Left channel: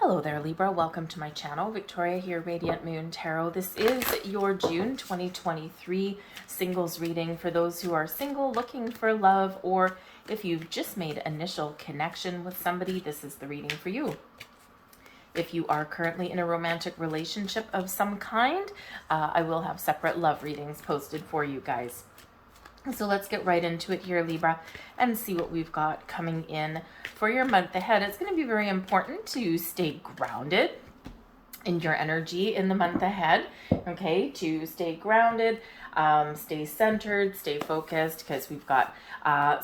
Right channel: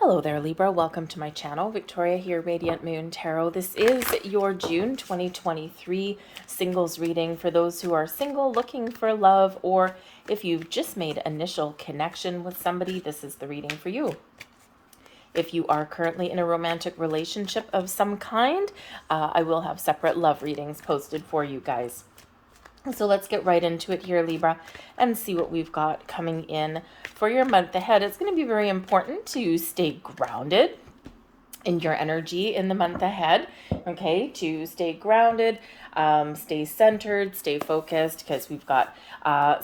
Hello there, Libra. Welcome to my channel. Victoria here, Radiant Moon Tarot. This is your June 2023 singles reading for those who are single, looking for love, or if you've just made initial connection with somebody, this is the reading for you. If you are currently in a romantic relationship of some kind, I will have separate love readings posted for you guys. So let's get right into it here, Libra, and see what we've got coming in for your month ahead. It's going to be very important to stay grounded in your energy in the month ahead, okay? To stay grounded, stay centered, stay focused, because we've got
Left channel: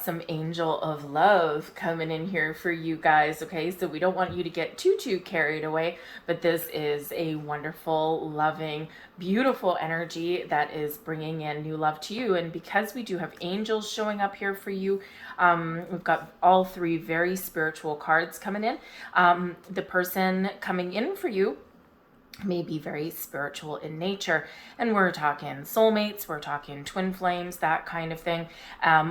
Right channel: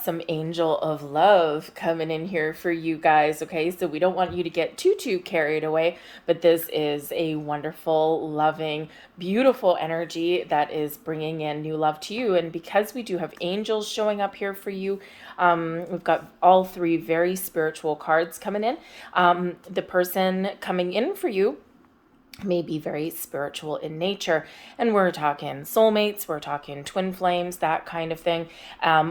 some angel of love coming in here for you guys, okay? So we don't want you to get too carried away, but this is a wonderful, loving, beautiful energy that is bringing in new love to you. And because we do have angels showing up here for you, we've got all three very spiritual cards coming in. The person coming in for you may be very spiritual in nature, and we're talking soulmates, we're talking twin flames, that kind of thing,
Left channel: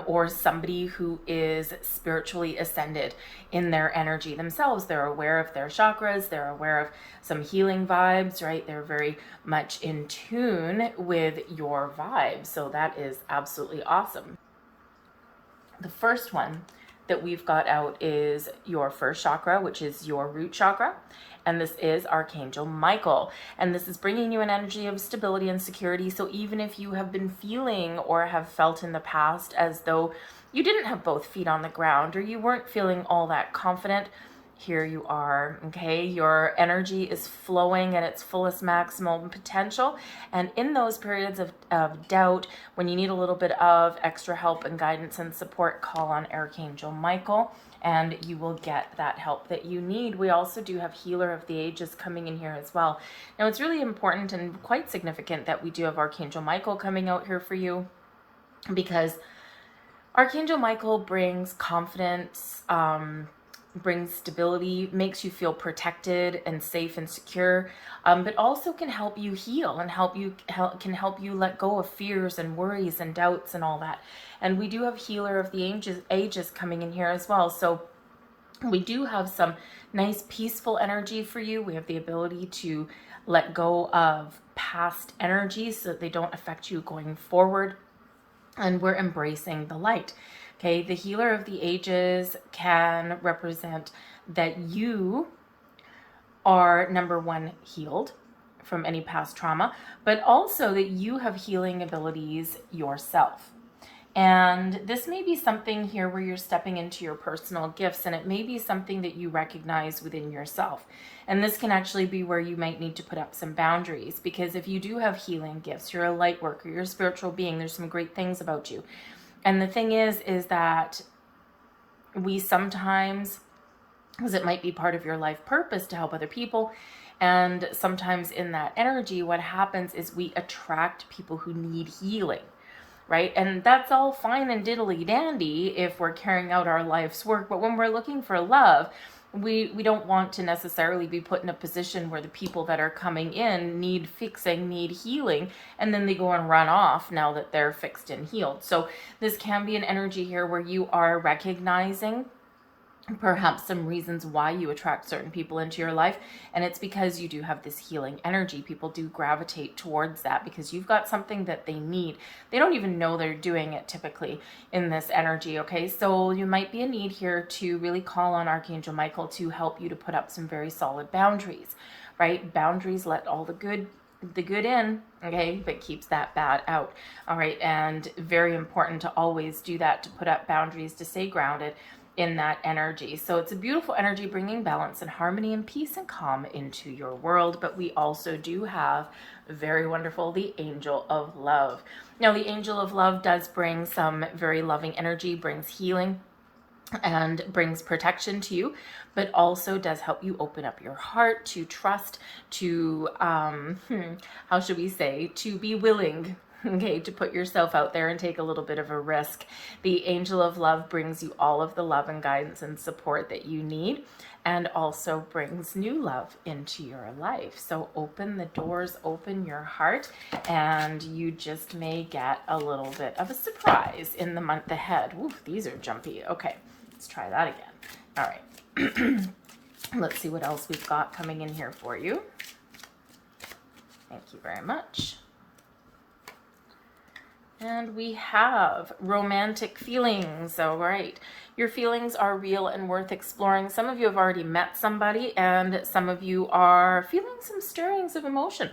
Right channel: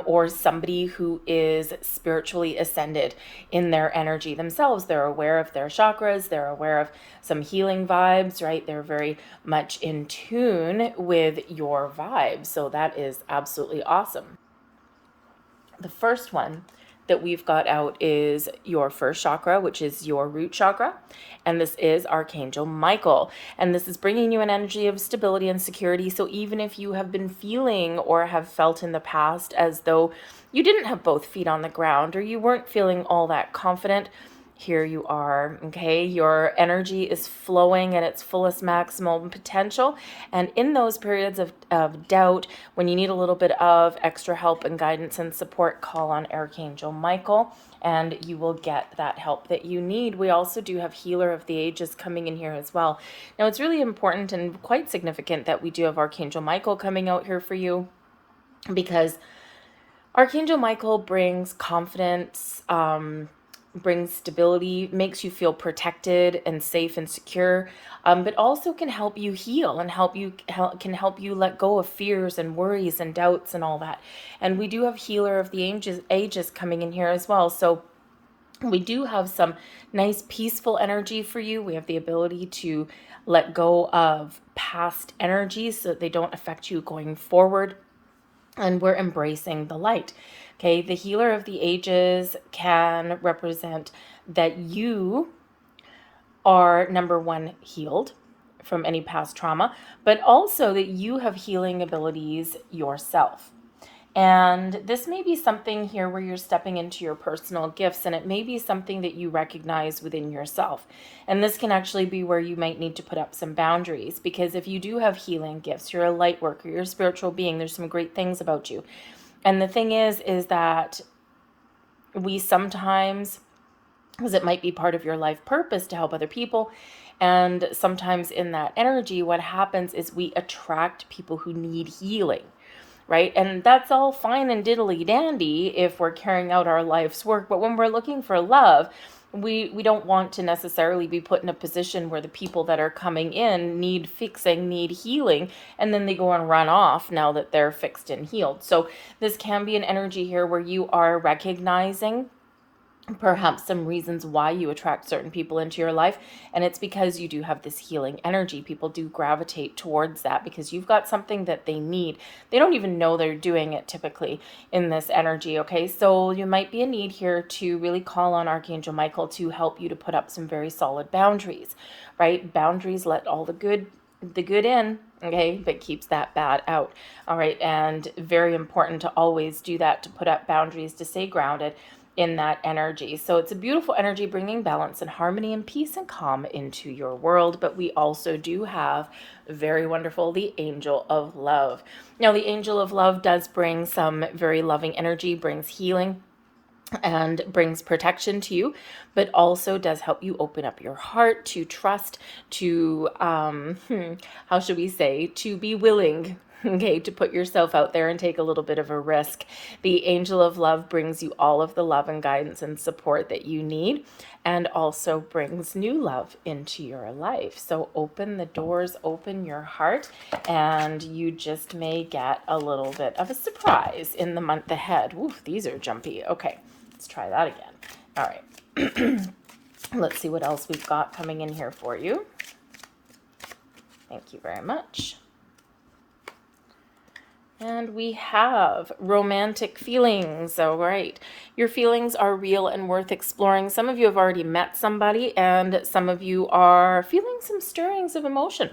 or somebody who is spiritually ascended in their energy themselves. They're aware of their chakras, they're aware of some healing vibes, right? They're very much in tune with your vibes, so that is absolutely awesome. The first one that we've got out is your first chakra, which is your root chakra. And this is Archangel Michael. And this is bringing you an energy of stability and security. So even if you have been feeling or have felt in the past as though you didn't have both feet on the ground or you weren't feeling all that confident, here you are, okay? Your energy is flowing at its fullest maximum potential. And in those periods of doubt, when you need a little bit of extra help and guidance and support, call on Archangel Michael, and you will get that help that you need. We also do have Healer of the Ages coming in here as well. Now, it's really important and quite significant that we do have Archangel Michael coming out here for you, because Archangel Michael brings confidence, brings stability, makes you feel protected and safe and secure, but also can help you heal and can help you let go of fears and worries and doubts and all that. And we do have Healer of the Ages coming in here as well. So we do have some nice peaceful energy for you. We have the ability to let go of past energies so that they don't affect you going forward. And we're embracing the light. Okay, the Healer of the Ages can represent that you are, number one, healed from any past trauma, but also that you have healing abilities yourself. And this may be something here where you're stepping into your personal gifts, and it may be something that you recognize within yourself. And this can actually be where you might need to put up some boundaries, because if you do have healing gifts, you're a light worker, you're a spiritual being, there's some great things about you. And the thing is that we sometimes, because it might be part of your life purpose to help other people, and sometimes in that energy, what happens is we attract people who need healing, right? And that's all fine and diddly dandy if we're carrying out our life's work. But when we're looking for love, we don't want to necessarily be put in a position where the people that are coming in need fixing, need healing, and then they go and run off now that they're fixed and healed. So this can be an energy here where you are recognizing perhaps some reasons why you attract certain people into your life, and it's because you do have this healing energy. People do gravitate towards that because you've got something that they need. They don't even know they're doing it typically in this energy, okay? So you might be a need here to really call on Archangel Michael to help you to put up some very solid boundaries, right? Boundaries let all the good in, okay, but keeps that bad out. All right, and very important to always do that, to put up boundaries, to stay grounded in that energy. So it's a beautiful energy bringing balance and harmony and peace and calm into your world. But we also do have very wonderful the Angel of Love. Now, the Angel of Love does bring some very loving energy, brings healing and brings protection to you, but also does help you open up your heart to trust, to how should we say, to be willing, okay, to put yourself out there and take a little bit of a risk. The Angel of Love brings you all of the love and guidance and support that you need, and also brings new love into your life. So open the doors, open your heart, and you just may get a little bit of a surprise in the month ahead. Ooh, these are jumpy. Okay, let's try that again. All right. Let's see what else we've got coming in here for you. Thank you very much. And we have romantic feelings. All right. Your feelings are real and worth exploring. Some of you have already met somebody, and some of you are feeling some stirrings of emotion.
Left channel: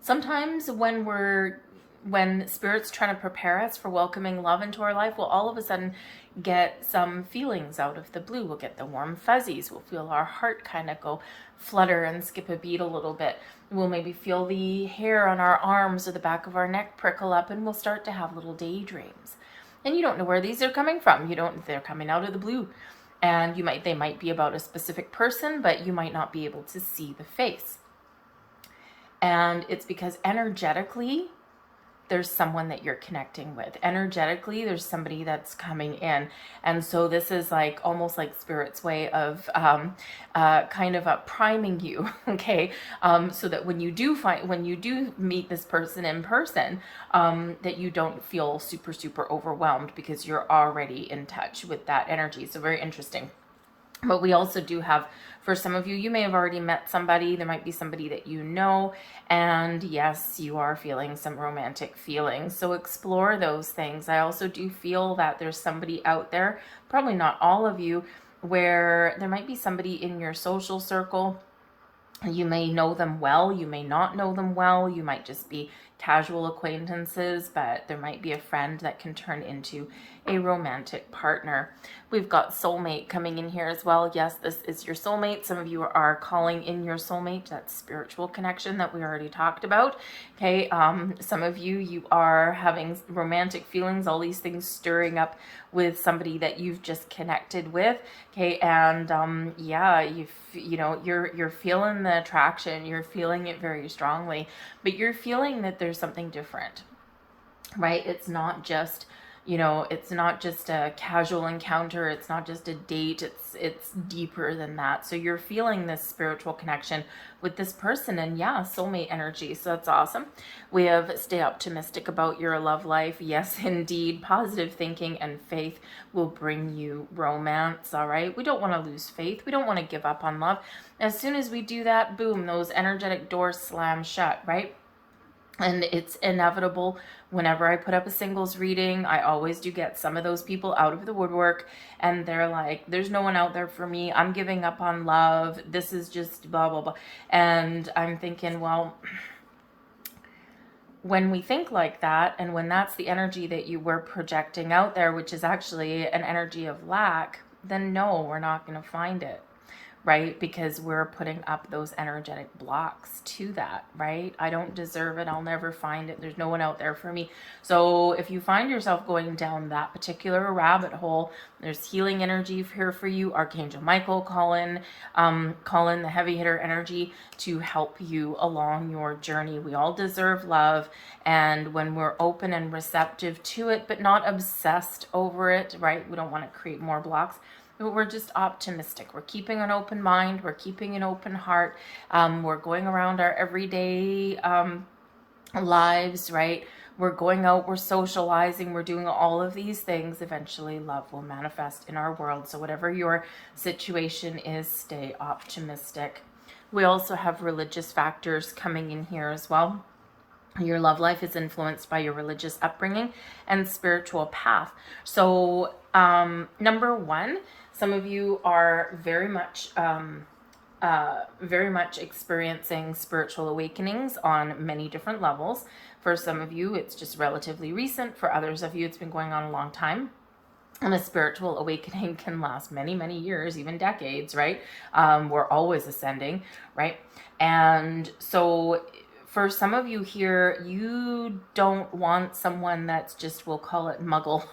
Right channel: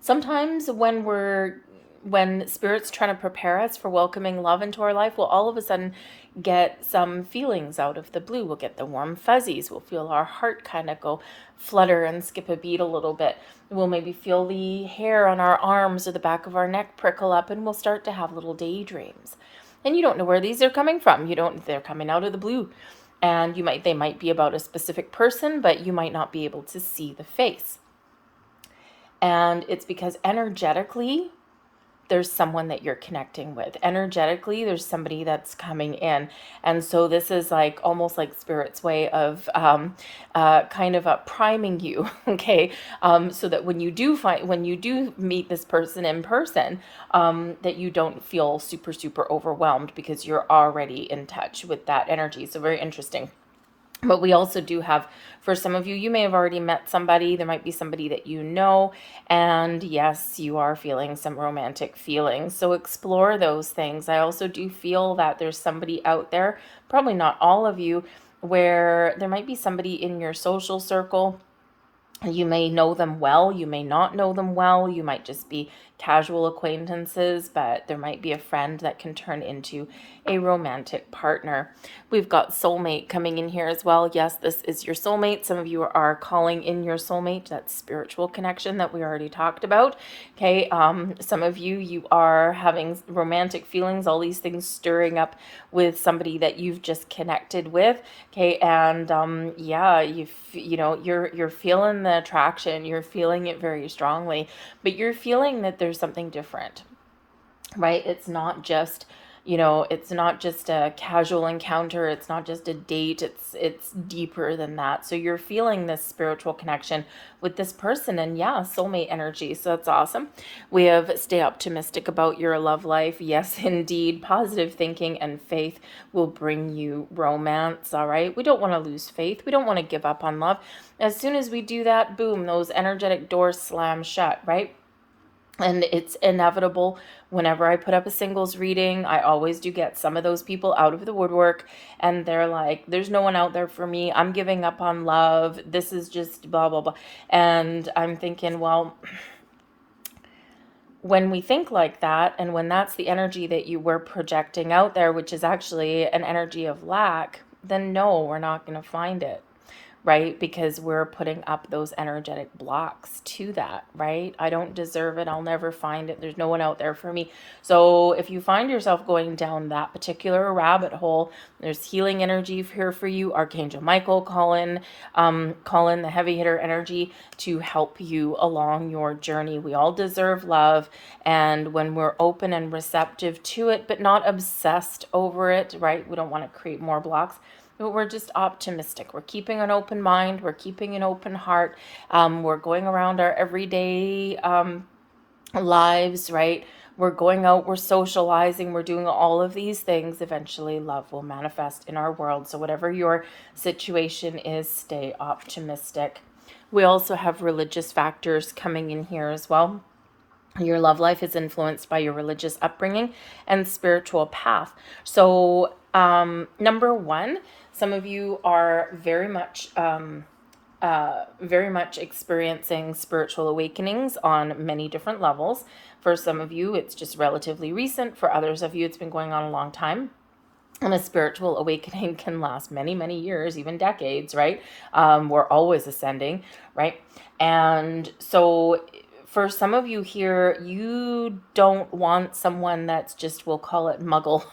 Sometimes when Spirit's trying to prepare us for welcoming love into our life, we'll all of a sudden get some feelings out of the blue. We'll get the warm fuzzies. We'll feel our heart kind of go flutter and skip a beat a little bit. We'll maybe feel the hair on our arms or the back of our neck prickle up, and we'll start to have little daydreams. And you don't know where these are coming from. They're coming out of the blue. And they might be about a specific person, but you might not be able to see the face. And it's because energetically, there's someone that you're connecting with. Energetically, there's somebody that's coming in. And so this is like almost like Spirit's way of kind of priming you, okay? So that when you do meet this person in person, that you don't feel super, super overwhelmed because you're already in touch with that energy. So very interesting. But we also do have, for some of you, you may have already met somebody. There might be somebody that you know. And yes, you are feeling some romantic feelings. So explore those things. I also do feel that there's somebody out there, probably not all of you, where there might be somebody in your social circle. You may know them well. You may not know them well. You might just be casual acquaintances, but there might be a friend that can turn into a romantic partner. We've got soulmate coming in here as well. Yes, this is your soulmate. Some of you are calling in your soulmate. That's spiritual connection that we already talked about. Okay, some of you are having romantic feelings, all these things stirring up with somebody that you've just connected with. Okay, and yeah, you're feeling the attraction. You're feeling it very strongly, but you're feeling that there's something different, right? It's not just a casual encounter. It's not just a date. It's deeper than that. So you're feeling this spiritual connection with this person, and yeah, soulmate energy. So that's awesome. We have stay optimistic about your love life. Yes, indeed. Positive thinking and faith will bring you romance. All right. We don't want to lose faith. We don't want to give up on love. As soon as we do that, boom, those energetic doors slam shut, right? And it's inevitable. Whenever I put up a singles reading, I always do get some of those people out of the woodwork, and they're like, there's no one out there for me. I'm giving up on love. This is just blah, blah, blah. And I'm thinking, well, when we think like that, and when that's the energy that you were projecting out there, which is actually an energy of lack, then no, we're not going to find it. Right? Because we're putting up those energetic blocks to that, right? I don't deserve it. I'll never find it. There's no one out there for me. So if you find yourself going down that particular rabbit hole, there's healing energy here for you. Archangel Michael, call in the heavy hitter energy to help you along your journey. We all deserve love. And when we're open and receptive to it, but not obsessed over it, right? We don't want to create more blocks. But we're just optimistic. We're keeping an open mind. We're keeping an open heart. We're going around our everyday lives, right? We're going out, we're socializing, we're doing all of these things. Eventually, love will manifest in our world. So whatever your situation is, stay optimistic. We also have religious factors coming in here as well. Your love life is influenced by your religious upbringing and spiritual path. So, number one, some of you are very much experiencing spiritual awakenings on many different levels. For some of you, it's just relatively recent. For others of you, it's been going on a long time. And a spiritual awakening can last many, many years, even decades, right? We're always ascending, right? And so for some of you here, you don't want someone that's just, we'll call it muggle,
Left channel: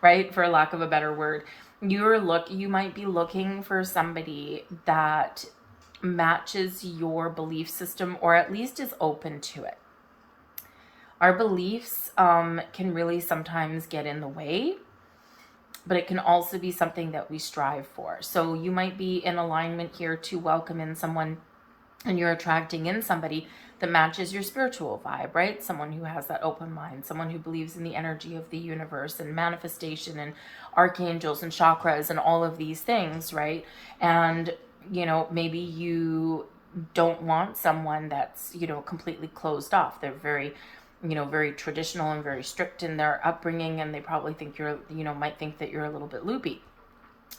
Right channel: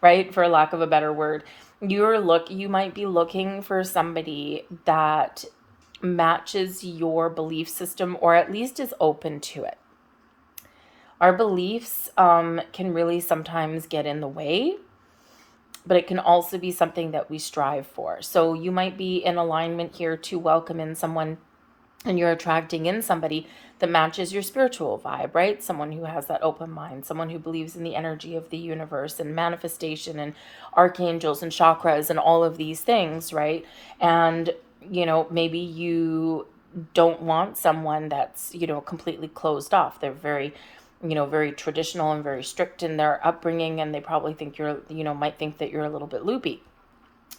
right? For lack of a better word. You might be looking for somebody that matches your belief system, or at least is open to it. Our beliefs can really sometimes get in the way, but it can also be something that we strive for. So you might be in alignment here to welcome in someone, and you're attracting in somebody that matches your spiritual vibe, right? Someone who has that open mind, someone who believes in the energy of the universe and manifestation and archangels and chakras and all of these things, right? And maybe you don't want someone that's, completely closed off. They're very, very traditional and very strict in their upbringing, and they probably think might think that you're a little bit loopy,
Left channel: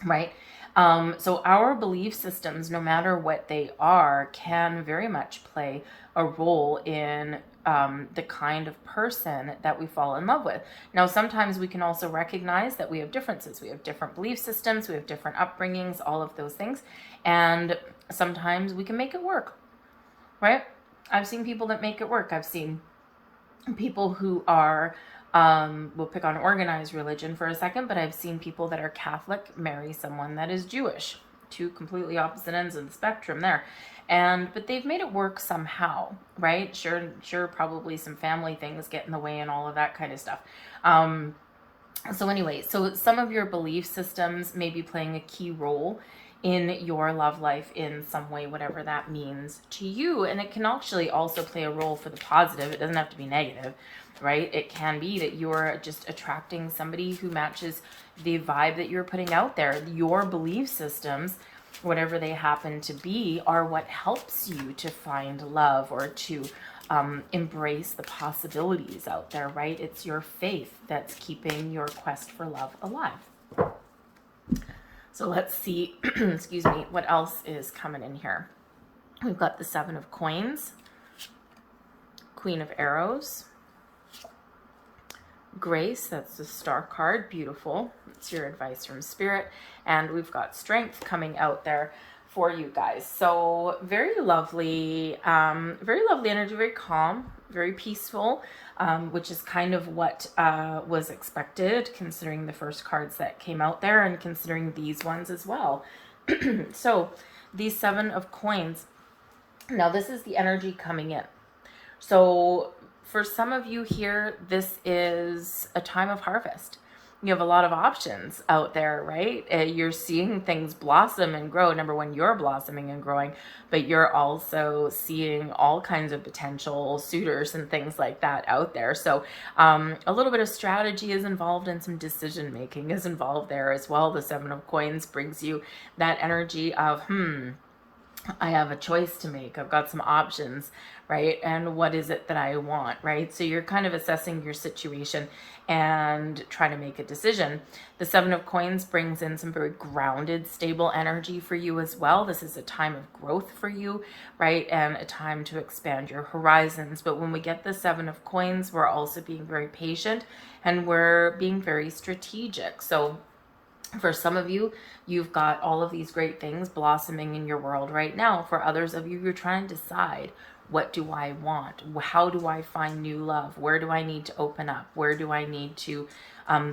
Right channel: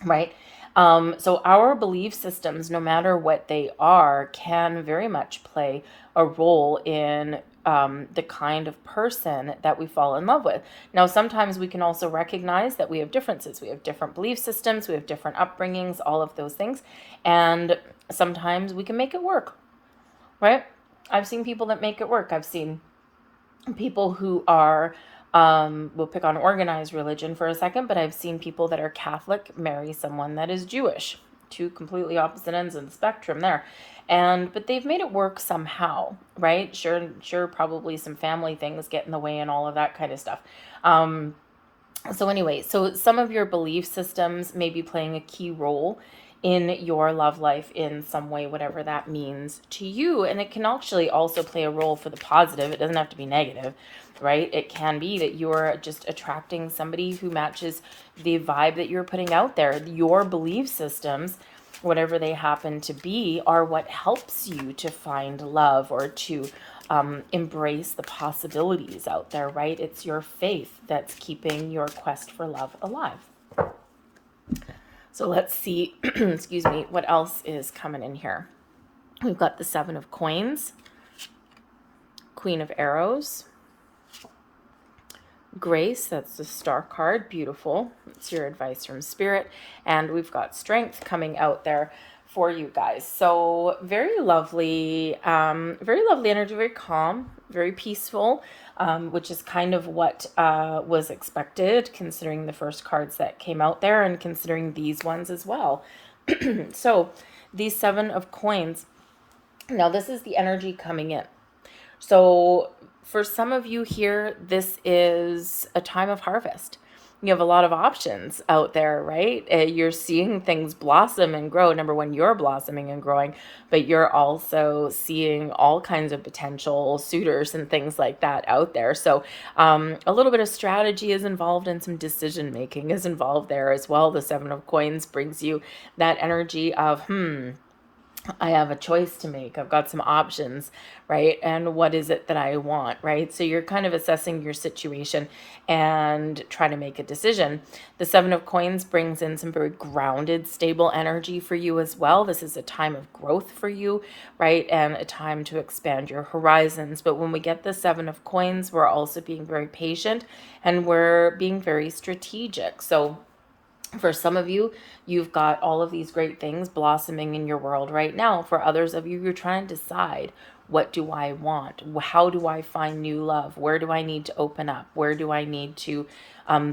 right? So our belief systems, no matter what they are, can very much play a role in the kind of person that we fall in love with. Now, sometimes we can also recognize that we have differences. We have different belief systems, we have different upbringings, all of those things. And sometimes we can make it work, right? I've seen people that make it work. I've seen people who are, we'll pick on organized religion for a second, but I've seen people that are Catholic marry someone that is Jewish. Two completely opposite ends of the spectrum there. But they've made it work somehow, right? Sure, probably some family things get in the way and all of that kind of stuff. So some of your belief systems may be playing a key role in your love life in some way, whatever that means to you. And it can actually also play a role for the positive. It doesn't have to be negative, right? It can be that you're just attracting somebody who matches the vibe that you're putting out there. Your belief systems, whatever they happen to be, are what helps you to find love or to embrace the possibilities out there, right? It's your faith that's keeping your quest for love alive. So let's see, excuse me, what else is coming in here. We've got the Seven of Coins, Queen of Arrows, Grace, that's the Star card, beautiful. It's your advice from Spirit. And we've got Strength coming out there for you guys. So very lovely energy, very calm, very peaceful, which is kind of what was expected considering the first cards that came out there and considering these ones as well. So these Seven of Coins, now this is the energy coming in. So for some of you here, this is a time of harvest. You have a lot of options out there, right? You're seeing things blossom and grow. Number one, you're blossoming and growing, but you're also seeing all kinds of potential suitors and things like that out there. So a little bit of strategy is involved and some decision making is involved there as well. The Seven of Coins brings you that energy of, I have a choice to make. I've got some options, right? And what is it that I want, right? So you're kind of assessing your situation and trying to make a decision. The Seven of Coins brings in some very grounded, stable energy for you as well. This is a time of growth for you, right? And a time to expand your horizons. But when we get the Seven of Coins, we're also being very patient and we're being very strategic. So for some of you, you've got all of these great things blossoming in your world right now. For others of you, you're trying to decide, what do I want? How do I find new love? Where do I need to open up? Where do I need to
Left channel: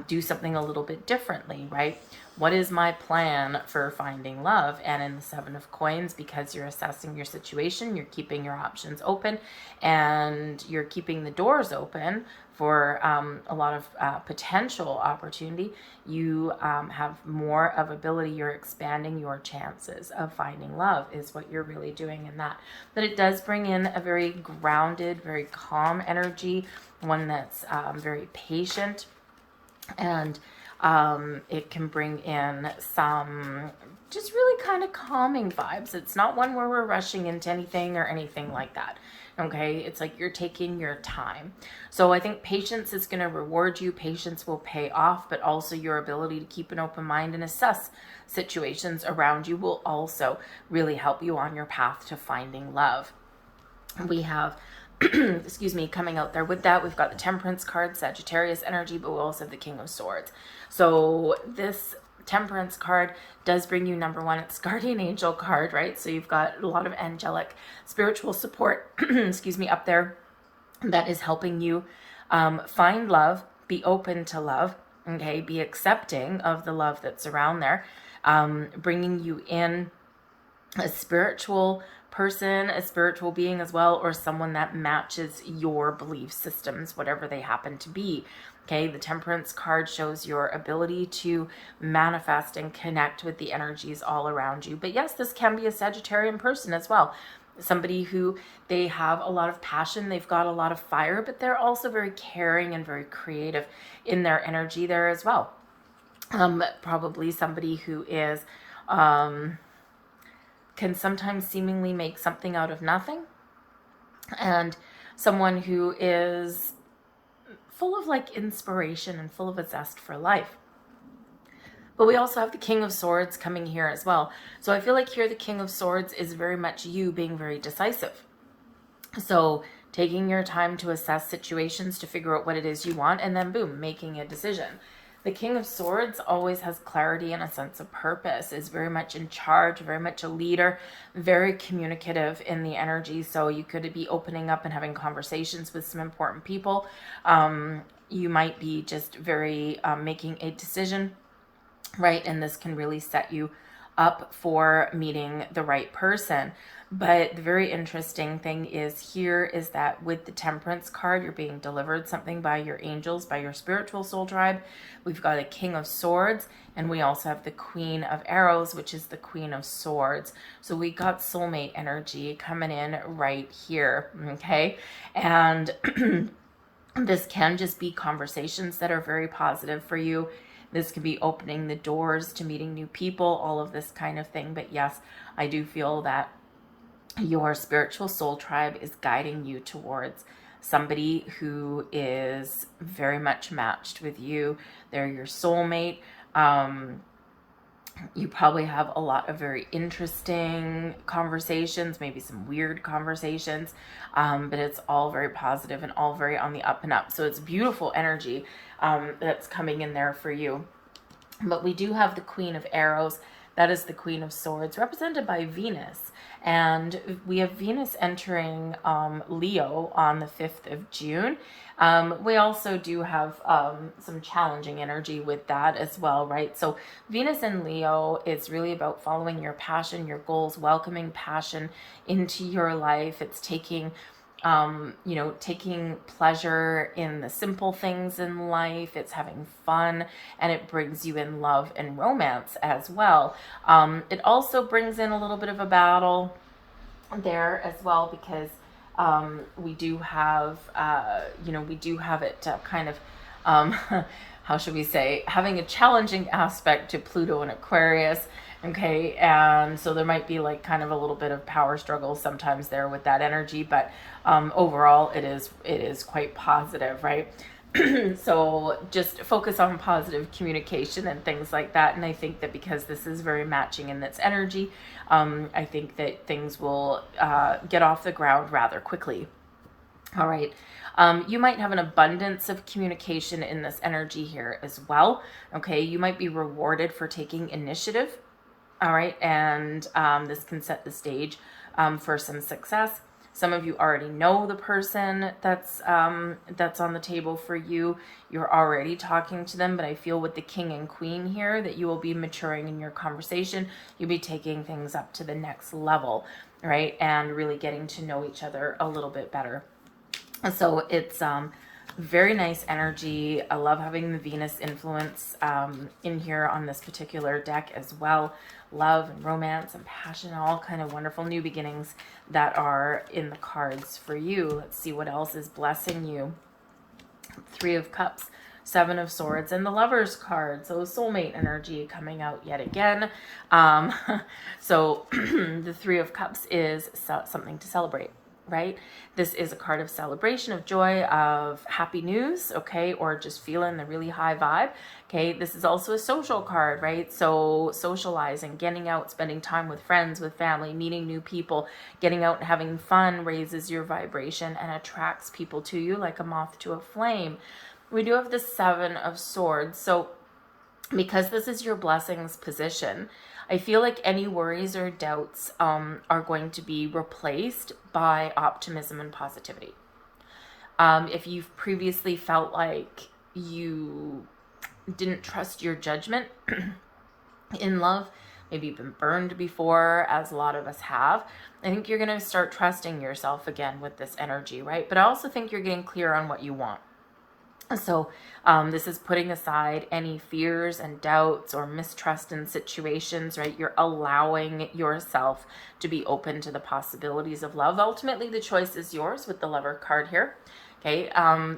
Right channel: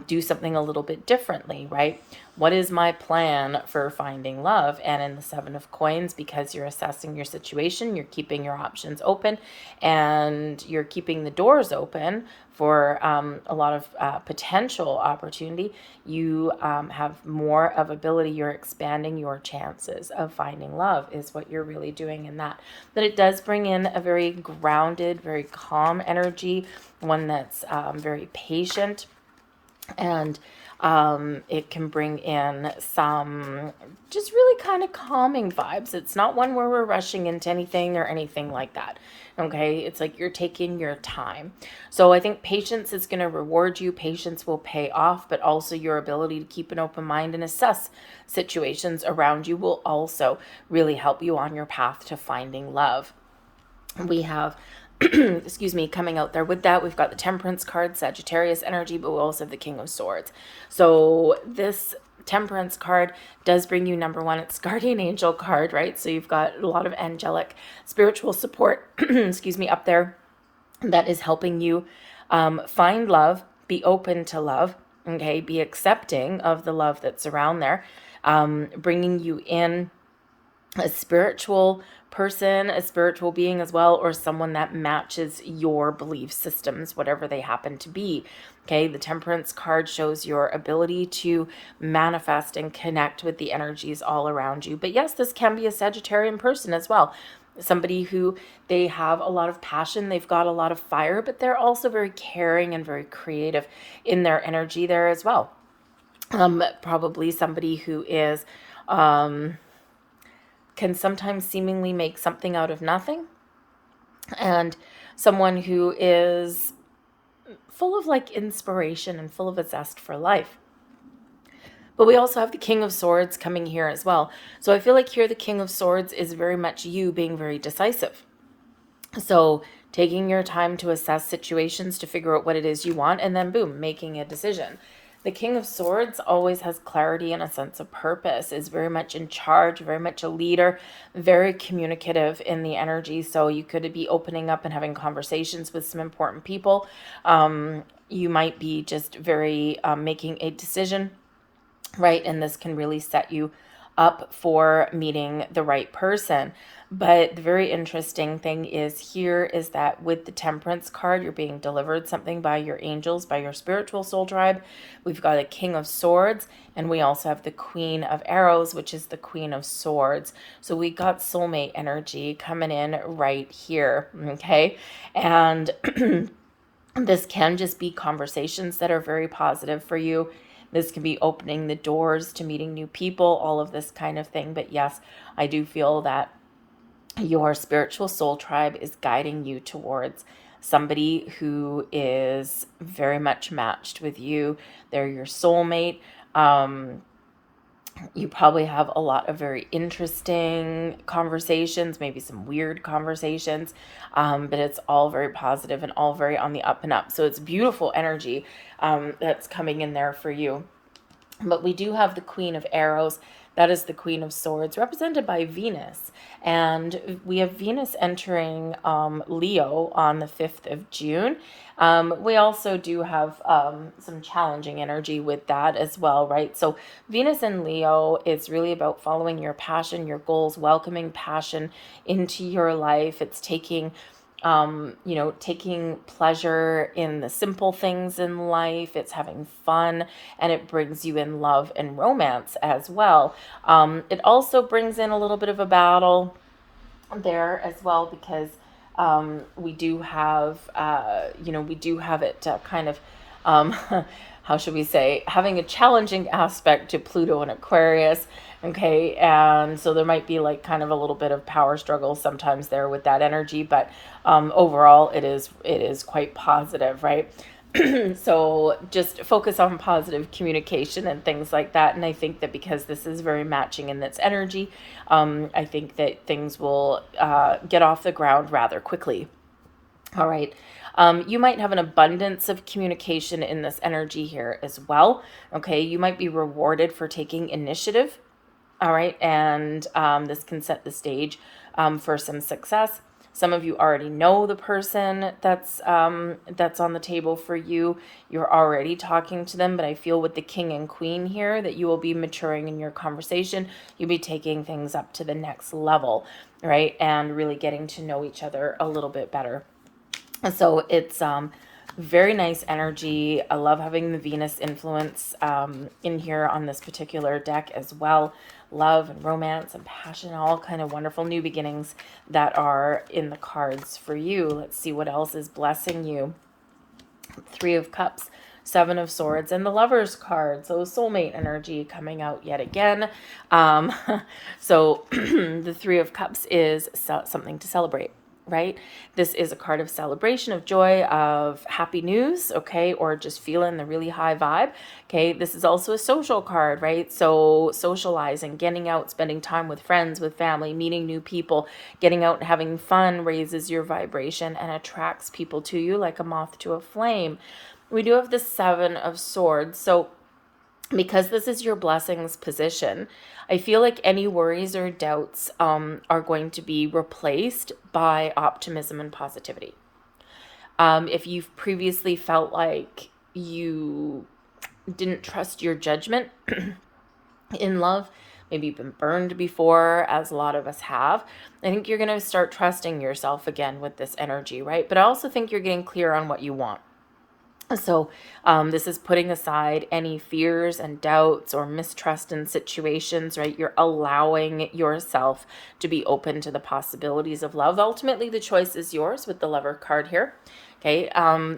do something a little bit differently, right? What is my plan for finding love? And in the Seven of Coins, because you're assessing your situation, you're keeping your options open and you're keeping the doors open for a lot of potential opportunity. You have more of ability. You're expanding your chances of finding love is what you're really doing in that. But it does bring in a very grounded, very calm energy, one that's very patient. And it can bring in some just really kind of calming vibes. It's not one where we're rushing into anything or anything like that. Okay, it's like you're taking your time. So I think patience is going to reward you. Patience will pay off, but also your ability to keep an open mind and assess situations around you will also really help you on your path to finding love. We have excuse me, coming out there with that, we've got the Temperance card, Sagittarius energy, but we also have the King of Swords. So this Temperance card does bring you, number one, it's guardian angel card, right? So you've got a lot of angelic spiritual support, excuse me, up there that is helping you find love, be open to love, okay, be accepting of the love that's around there, bringing you in a spiritual person, a spiritual being as well, or someone that matches your belief systems, whatever they happen to be. Okay, the Temperance card shows your ability to manifest and connect with the energies all around you. But yes, this can be a Sagittarian person as well. Somebody who they have a lot of passion, they've got a lot of fire, but they're also very caring and very creative in their energy there as well. Probably somebody who is can sometimes seemingly make something out of nothing, and someone who is full of like inspiration and full of a zest for life. But we also have the King of Swords coming here as well. So I feel like here the King of Swords is very much you being very decisive. So taking your time to assess situations to figure out what it is you want, and then boom, making a decision. The King of Swords always has clarity and a sense of purpose, is very much in charge, very much a leader, very communicative in the energy. So you could be opening up and having conversations with some important people. You might be just very making a decision, right? And this can really set you up for meeting the right person. But the very interesting thing is here is that with the Temperance card, you're being delivered something by your angels, by your spiritual soul tribe. We've got a King of Swords, and we also have the Queen of Arrows, which is the Queen of Swords. So we got soulmate energy coming in right here, okay? And this can just be conversations that are very positive for you. This can be opening the doors to meeting new people, all of this kind of thing. But yes, I do feel that your spiritual soul tribe is guiding you towards somebody who is very much matched with you. They're your soulmate. You probably have a lot of very interesting conversations, maybe some weird conversations, but it's all very positive and all very on the up and up. So it's beautiful energy that's coming in there for you. But we do have the Queen of Arrows. That is the Queen of Swords, represented by Venus. And we have Venus entering Leo on the 5th of June. We also do have some challenging energy with that as well, right? So Venus in Leo is really about following your passion, your goals, welcoming passion into your life. It's taking taking pleasure in the simple things in life. It's having fun, and it brings you in love and romance as well. It also brings in a little bit of a battle there as well, because we do have it kind of, how should we say, having a challenging aspect to Pluto and Aquarius. Okay, and so there might be like kind of a little bit of power struggle sometimes there with that energy, but overall it is quite positive, right? So just focus on positive communication and things like that. And I think that because this is very matching in its energy, I think that things will get off the ground rather quickly. All right. You might have an abundance of communication in this energy here as well. Okay, you might be rewarded for taking initiative. All right, and this can set the stage for some success. Some of you already know the person that's on the table for you. You're already talking to them, but I feel with the King and Queen here that you will be maturing in your conversation. You'll be taking things up to the next level, right? And really getting to know each other a little bit better. So it's very nice energy. I love having the Venus influence in here on this particular deck as well. Love and romance and passion, all kind of wonderful new beginnings that are in the cards for you. Let's see what else is blessing you. 3 of Cups, 7 of Swords, and the Lover's card. So soulmate energy coming out yet again. So the 3 of Cups is something to celebrate, right? This is a card of celebration, of joy, of happy news, okay, or just feeling the really high vibe, okay? This is also a social card, right? So socializing, getting out, spending time with friends, with family, meeting new people, getting out and having fun raises your vibration and attracts people to you like a moth to a flame. We do have the 7 of Swords. So because this is your blessings position, I feel like any worries or doubts are going to be replaced by optimism and positivity. If you've previously felt like you didn't trust your judgment in love, maybe you've been burned before, as a lot of us have, I think you're going to start trusting yourself again with this energy, right? But I also think you're getting clear on what you want. So this is putting aside any fears and doubts or mistrust in situations, right? You're allowing yourself to be open to the possibilities of love. Ultimately, the choice is yours with the Lover card here. Okay,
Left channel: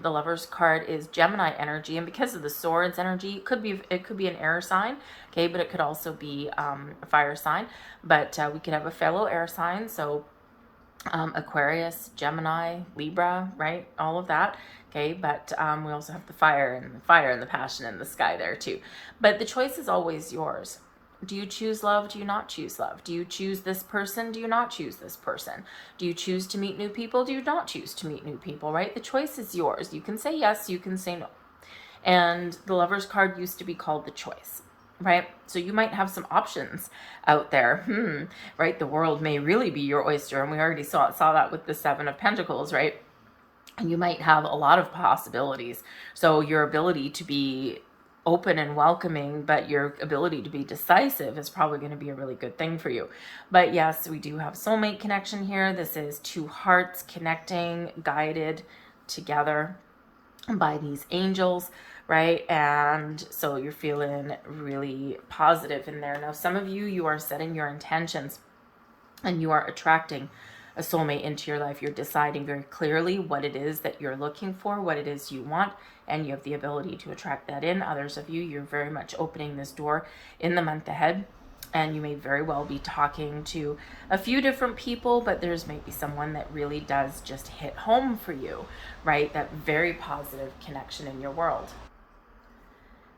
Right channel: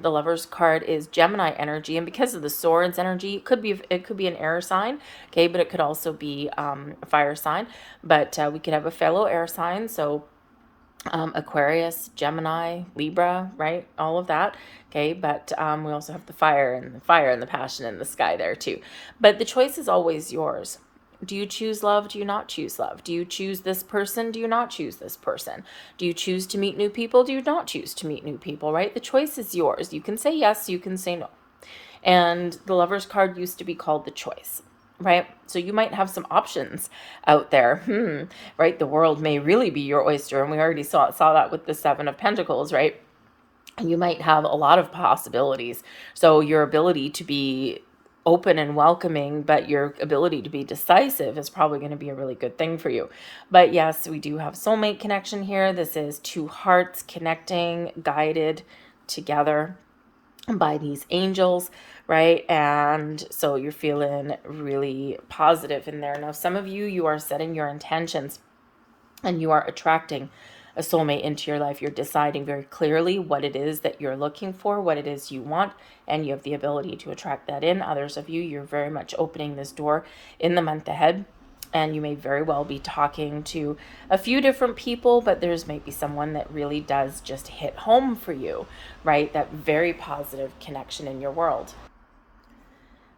the Lover's card is Gemini energy, and because of the Swords energy, it could be an air sign, okay, but it could also be a fire sign. But we could have a fellow air sign, so Aquarius, Gemini, Libra, right? All of that. Okay, but we also have the fire and the passion in the sky there too. But the choice is always yours. Do you choose love? Do you not choose love? Do you choose this person? Do you not choose this person? Do you choose to meet new people? Do you not choose to meet new people, right? The choice is yours. You can say yes, you can say no. And the Lover's card used to be called the choice, right? So you might have some options out there, right? The world may really be your oyster, and we already saw that with the Seven of Pentacles, right? And you might have a lot of possibilities. So your ability to be open and welcoming, but your ability to be decisive is probably going to be a really good thing for you. But yes, we do have soulmate connection here. This is two hearts connecting, guided together by these angels, right? And so you're feeling really positive in there. Now, some of you are setting your intentions and you are attracting a soulmate into your life. You're deciding very clearly what it is that you're looking for, what it is you want, and you have the ability to attract that in. Others of you, you're very much opening this door in the month ahead. And you may very well be talking to a few different people, but there's maybe someone that really does just hit home for you, right? That very positive connection in your world.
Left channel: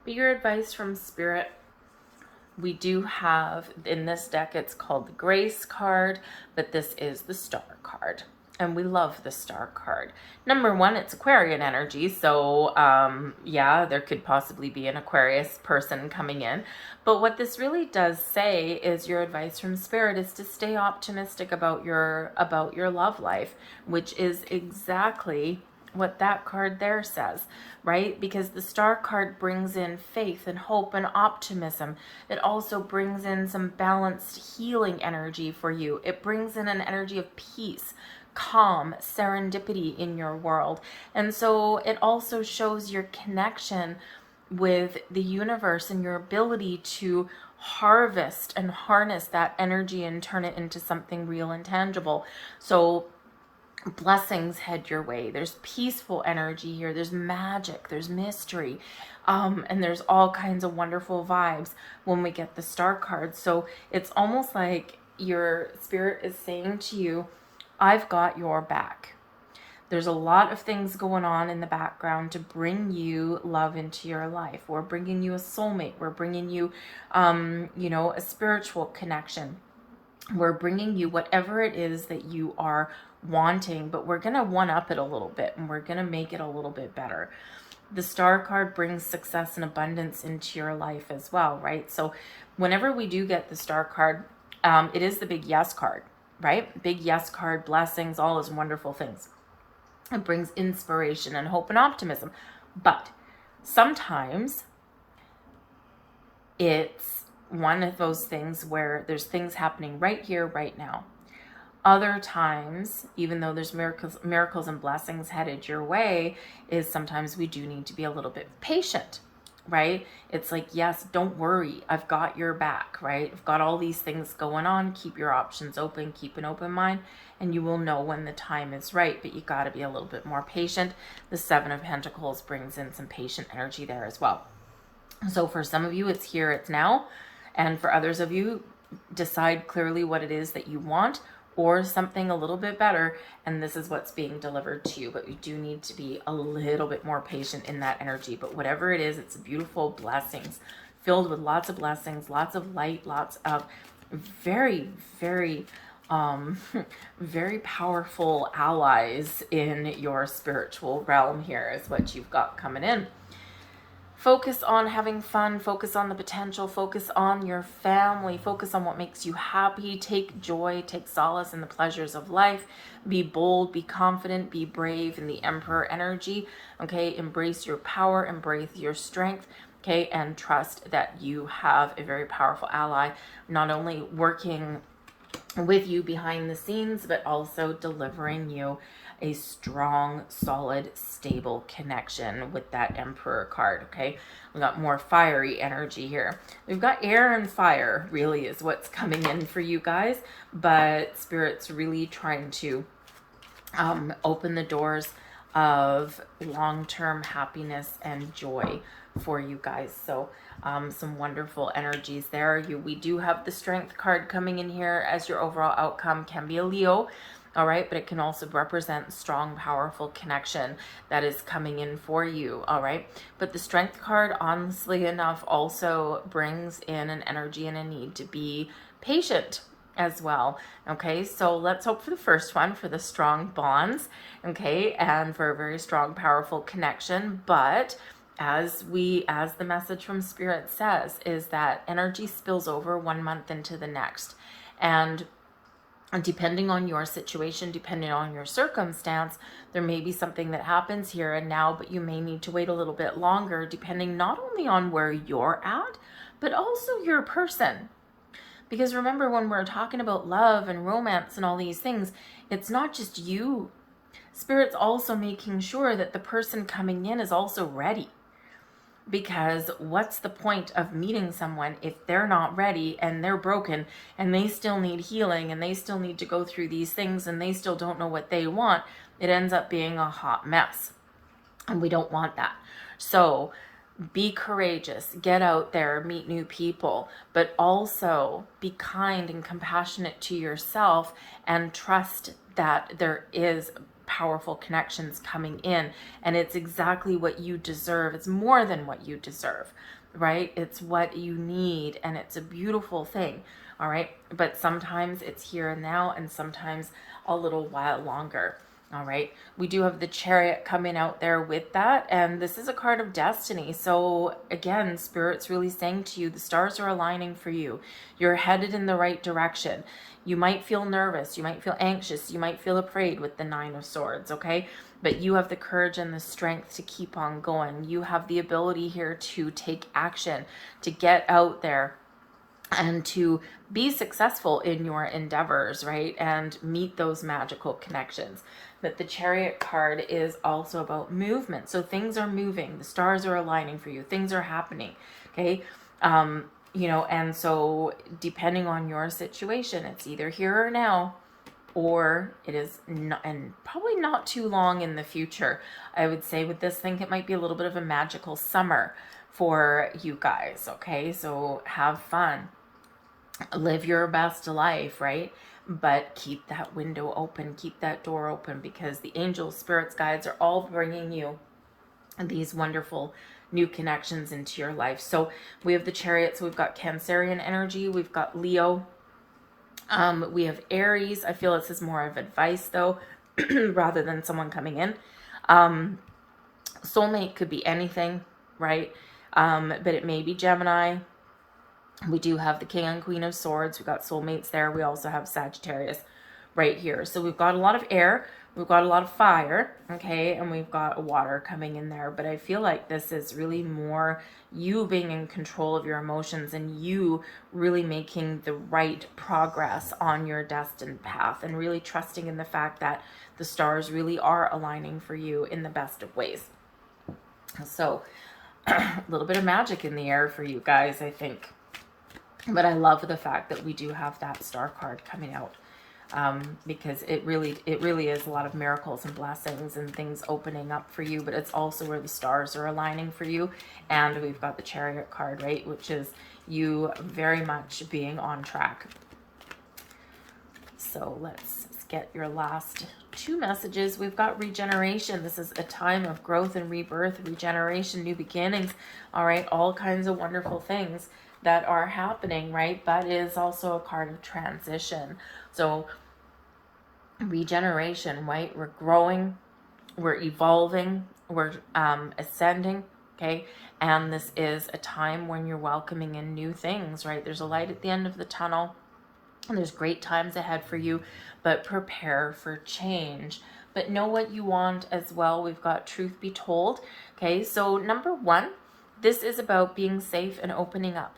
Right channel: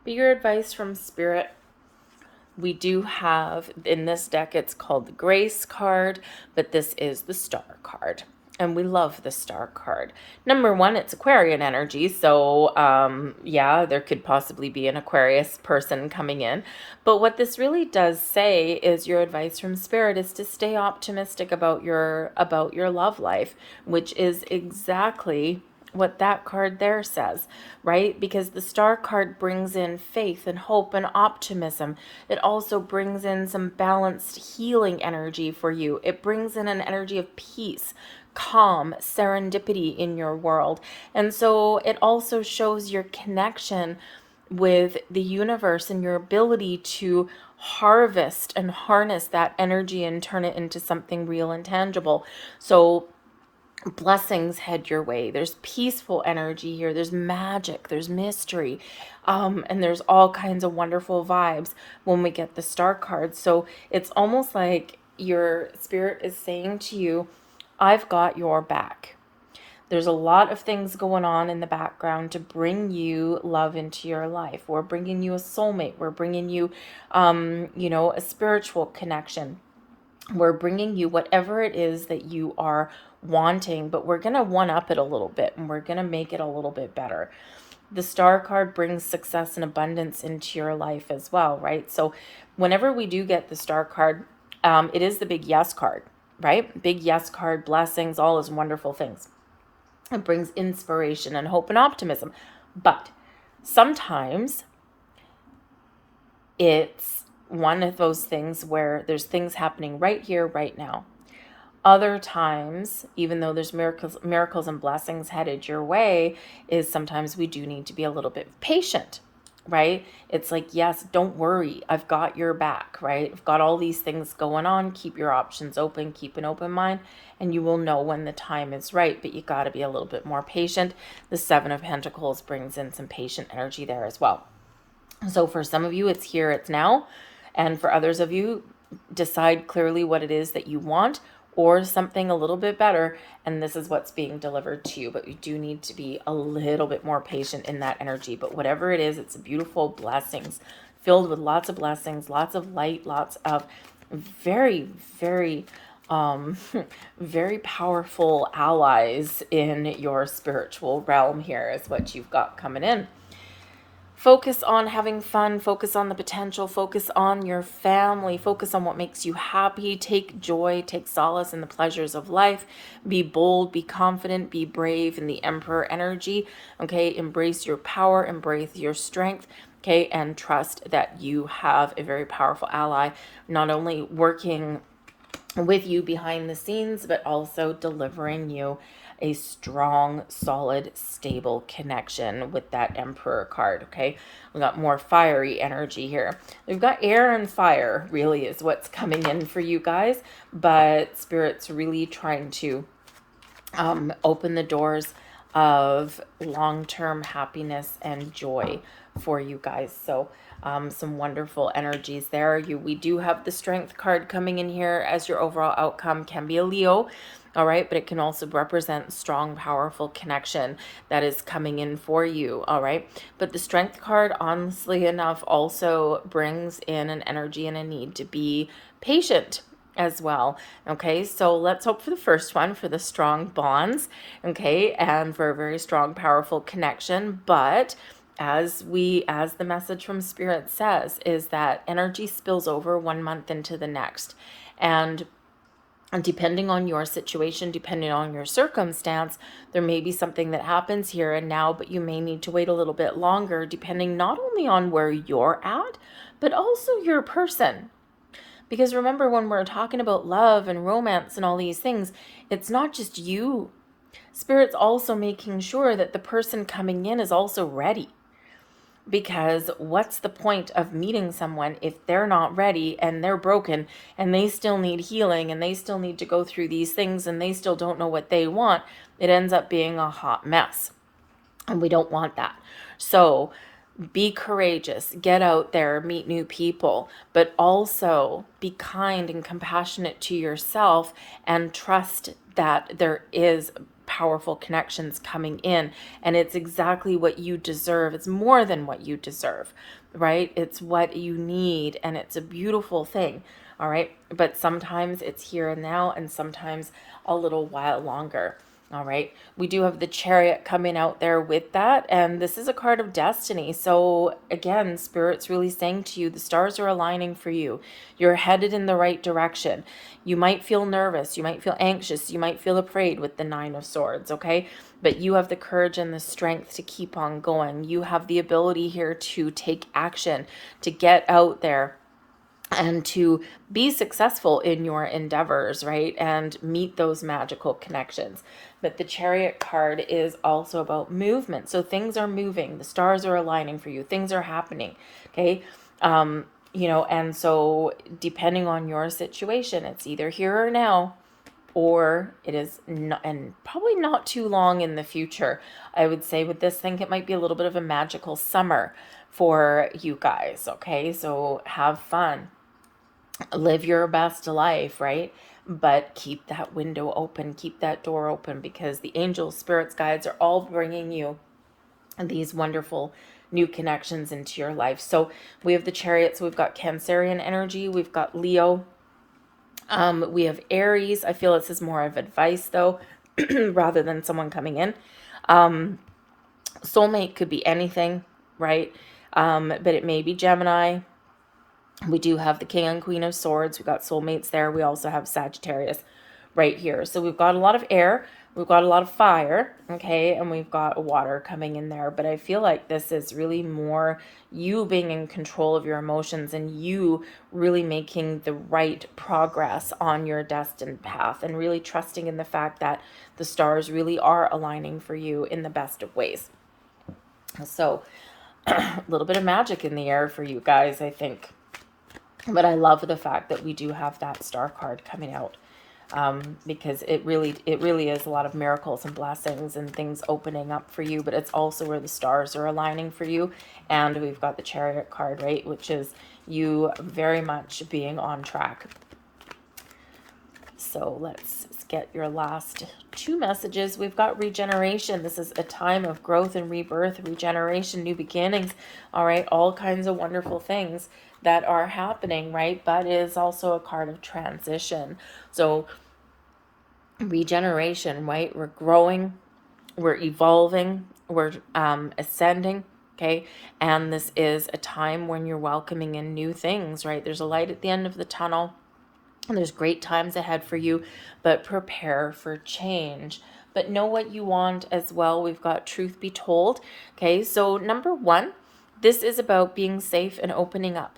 But your advice from Spirit, we do have in this deck, it's called the Grace card, but this is the Star card. And we love the Star card. Number one, it's Aquarian energy. So, yeah, there could possibly be an Aquarius person coming in. But what this really does say is your advice from Spirit is to stay optimistic about your love life, which is exactly what that card there says, right? Because the Star card brings in faith and hope and optimism. It also brings in some balanced healing energy for you. It brings in an energy of peace, calm, serendipity in your world. And so it also shows your connection with the universe and your ability to harvest and harness that energy and turn it into something real and tangible. So blessings head your way. There's peaceful energy here. There's magic. There's mystery. And there's all kinds of wonderful vibes when we get the Star card. So it's almost like your Spirit is saying to you, I've got your back. There's a lot of things going on in the background to bring you love into your life. We're bringing you a soulmate. We're bringing you, a spiritual connection. We're bringing you whatever it is that you are wanting, but we're going to one-up it a little bit and we're going to make it a little bit better. The Star card brings success and abundance into your life as well, right? So whenever we do get the Star card, it is the big yes card, right? Big yes card, blessings, all those wonderful things. It brings inspiration and hope and optimism. But sometimes it's one of those things where there's things happening right here, right now. Other times, even though there's miracles and blessings headed your way, is sometimes we do need to be a little bit patient, right? It's like, yes, don't worry. I've got your back, right? I've got all these things going on. Keep your options open. Keep an open mind, and you will know when the time is right, but you got to be a little bit more patient. The Seven of Pentacles brings in some patient energy there as well. So for some of you, it's here, it's now. And for others of you, decide clearly what it is that you want, or something a little bit better, and this is what's being delivered to you. But you do need to be a little bit more patient in that energy. But whatever it is, it's beautiful blessings, filled with lots of blessings, lots of light, lots of very, very, very powerful allies in your spiritual realm here is what you've got coming in. Focus on having fun, focus on the potential, focus on your family, focus on what makes you happy, take joy, take solace in the pleasures of life, be bold, be confident, be brave in the Emperor energy, okay? Embrace your power, embrace your strength, okay? And trust that you have a very powerful ally, not only working with you behind the scenes, but also delivering you a strong, solid, stable connection with that Emperor card, okay? We got more fiery energy here. We've got air and fire, really, is what's coming in for you guys, but Spirit's really trying to open the doors, of long-term happiness and joy for you guys. So some wonderful energies there. We do have the Strength card coming in here as your overall outcome. Can be a Leo, all right, but it can also represent strong, powerful connection that is coming in for you, all right. But the Strength card, honestly enough, also brings in an energy and a need to be patient as well. Okay, so let's hope for the first one, for the strong bonds, okay, and for a very strong, powerful connection. But as the message from Spirit says, is that energy spills over 1 month into the next. And depending on your situation, depending on your circumstance, there may be something that happens here and now, but you may need to wait a little bit longer, depending not only on where you're at, but also your person. Because remember, when we're talking about love and romance and all these things, it's not just you. Spirit's also making sure that the person coming in is also ready. Because what's the point of meeting someone if they're not ready and they're broken and they still need healing and they still need to go through these things and they still don't know what they want? It ends up being a hot mess. And we don't want that. So be courageous, get out there, meet new people, but also be kind and compassionate to yourself and trust that there is powerful connections coming in, and it's exactly what you deserve. It's more than what you deserve, right? It's what you need, and it's a beautiful thing, all right? But sometimes it's here and now, and sometimes a little while longer. All right, we do have the Chariot coming out there with that, and this is a card of destiny. So again, Spirit's really saying to you, the stars are aligning for you. You're headed in the right direction. You might feel nervous, you might feel anxious, you might feel afraid with the Nine of Swords, okay? But you have the courage and the strength to keep on going. You have the ability here to take action, to get out there and to be successful in your endeavors, right? And meet those magical connections. But the Chariot card is also about movement. So things are moving. The stars are aligning for you. Things are happening, okay? And so depending on your situation, it's either here or now, or it is not, and probably not too long in the future. I would say with this, think it might be a little bit of a magical summer for you guys, okay? So have fun. Live your best life, right? But keep that window open, keep that door open, because the angels, spirits, guides are all bringing you these wonderful new connections into your life. So we have the Chariots, we've got Cancerian energy, we've got Leo, we have Aries. I feel this is more of advice though, rather than someone coming in. Soulmate could be anything, right? But it may be Gemini. We do have the King and Queen of Swords. We've got soulmates there. We also have Sagittarius right here. So we've got a lot of air. We've got a lot of fire, okay? And we've got water coming in there. But I feel like this is really more you being in control of your emotions and you really making the right progress on your destined path and really trusting in the fact that the stars really are aligning for you in the best of ways. So a little bit of magic in the air for you guys, I think. But I love the fact that we do have that star card coming out, because it really is a lot of miracles and blessings and things opening up for you, but it's also where the stars are aligning for you. And we've got the Chariot card, right, which is you very much being on track. So let's get your last two messages. We've got regeneration. This is a time of growth and rebirth, regeneration, new beginnings, all right, all kinds of wonderful things that are happening, right? But it is also a card of transition. So regeneration, right? We're growing, we're evolving, we're ascending, okay? And this is a time when you're welcoming in new things, right? There's a light at the end of the tunnel, and there's great times ahead for you, but prepare for change. But know what you want as well. We've got truth be told, okay? So number one, this is about being safe and opening up.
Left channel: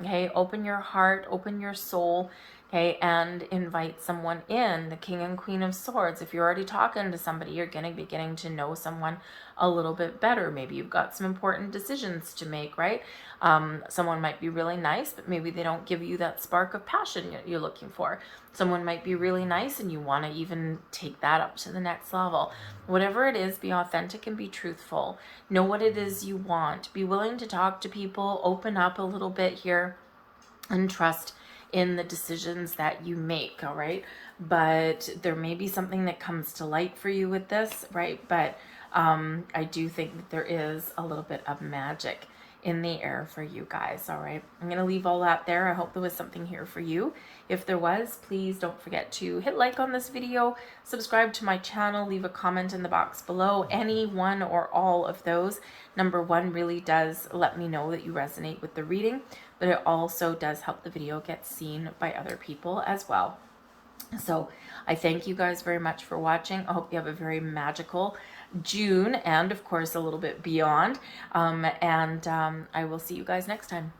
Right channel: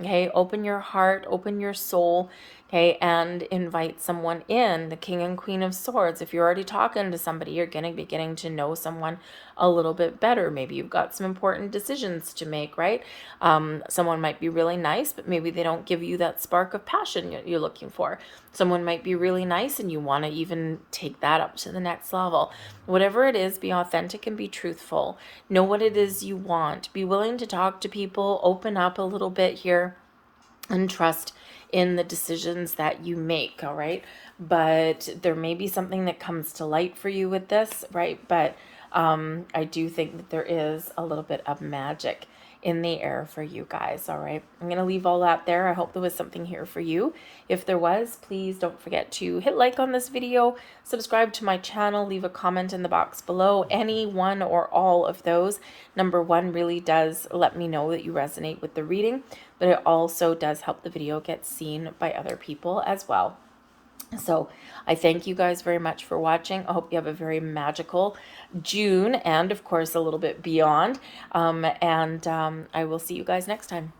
Okay, open your heart, open your soul, Okay, and invite someone in, the King and Queen of Swords. If you're already talking to somebody, you're going to be getting to know someone a little bit better. Maybe you've got some important decisions to make, right? Someone might be really nice, but maybe they don't give you that spark of passion you're looking for. Someone might be really nice and you want to even take that up to the next level. Whatever it is, be authentic and be truthful. Know what it is you want. Be willing to talk to people, open up a little bit here, and trust in the decisions that you make. All right, but there may be something that comes to light for you with this, right? But I do think that there is a little bit of magic in the air for you guys. All right, I'm gonna leave all that there. I hope there was something here for you. If there was, please don't forget to hit like on this video, subscribe to my channel, leave a comment in the box below. Any one or all of those, number one, really does let me know that you resonate with the reading, but it also does help the video get seen by other people as well. So I thank you guys very much for watching. I hope you have a very magical June and of course a little bit beyond. I will see you guys next time.